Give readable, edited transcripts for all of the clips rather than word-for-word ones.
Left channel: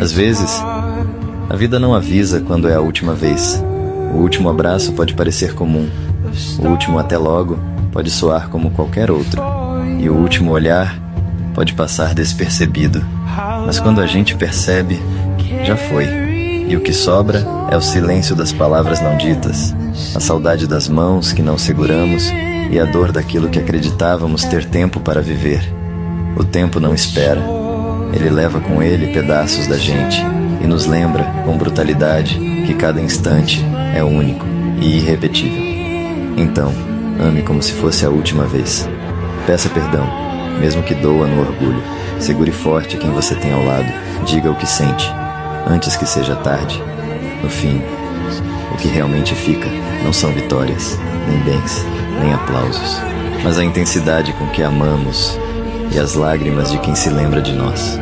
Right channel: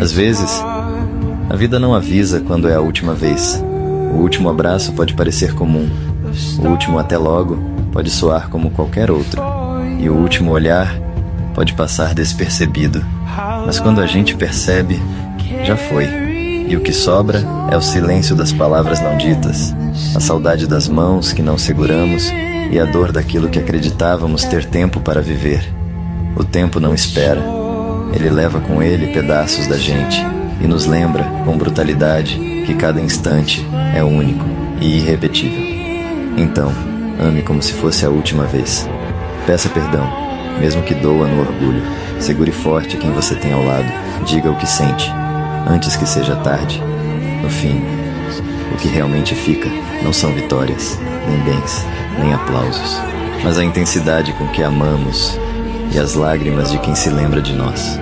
Às vezes, a vida não avisa quando é a última vez. O último abraço pode parecer comum. O último até logo pode soar como qualquer outro. E o último olhar pode passar despercebido. Mas quando a gente percebe, já foi. E o que sobra é o silêncio das palavras não ditas, a saudade das mãos que não seguramos e a dor daquilo que acreditávamos ter tempo para viver. O tempo não espera. Ele leva com ele pedaços da gente e nos lembra, com brutalidade, que cada instante é único e irrepetível. Então, ame como se fosse a última vez. Peça perdão, mesmo que doa no orgulho. Segure forte quem você tem ao lado. Diga o que sente, antes que seja tarde. No fim, o que realmente fica não são vitórias, nem bens, nem aplausos, mas a intensidade com que amamos e as lágrimas de quem se lembra de nós.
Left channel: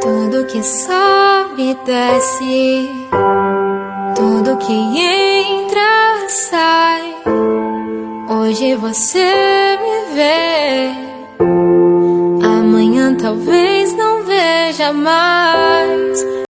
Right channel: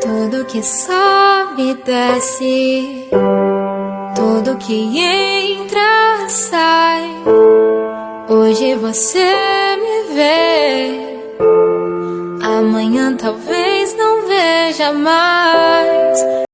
Tudo que sobe e desce, tudo que entra sai. Hoje você me vê, amanhã talvez não veja mais.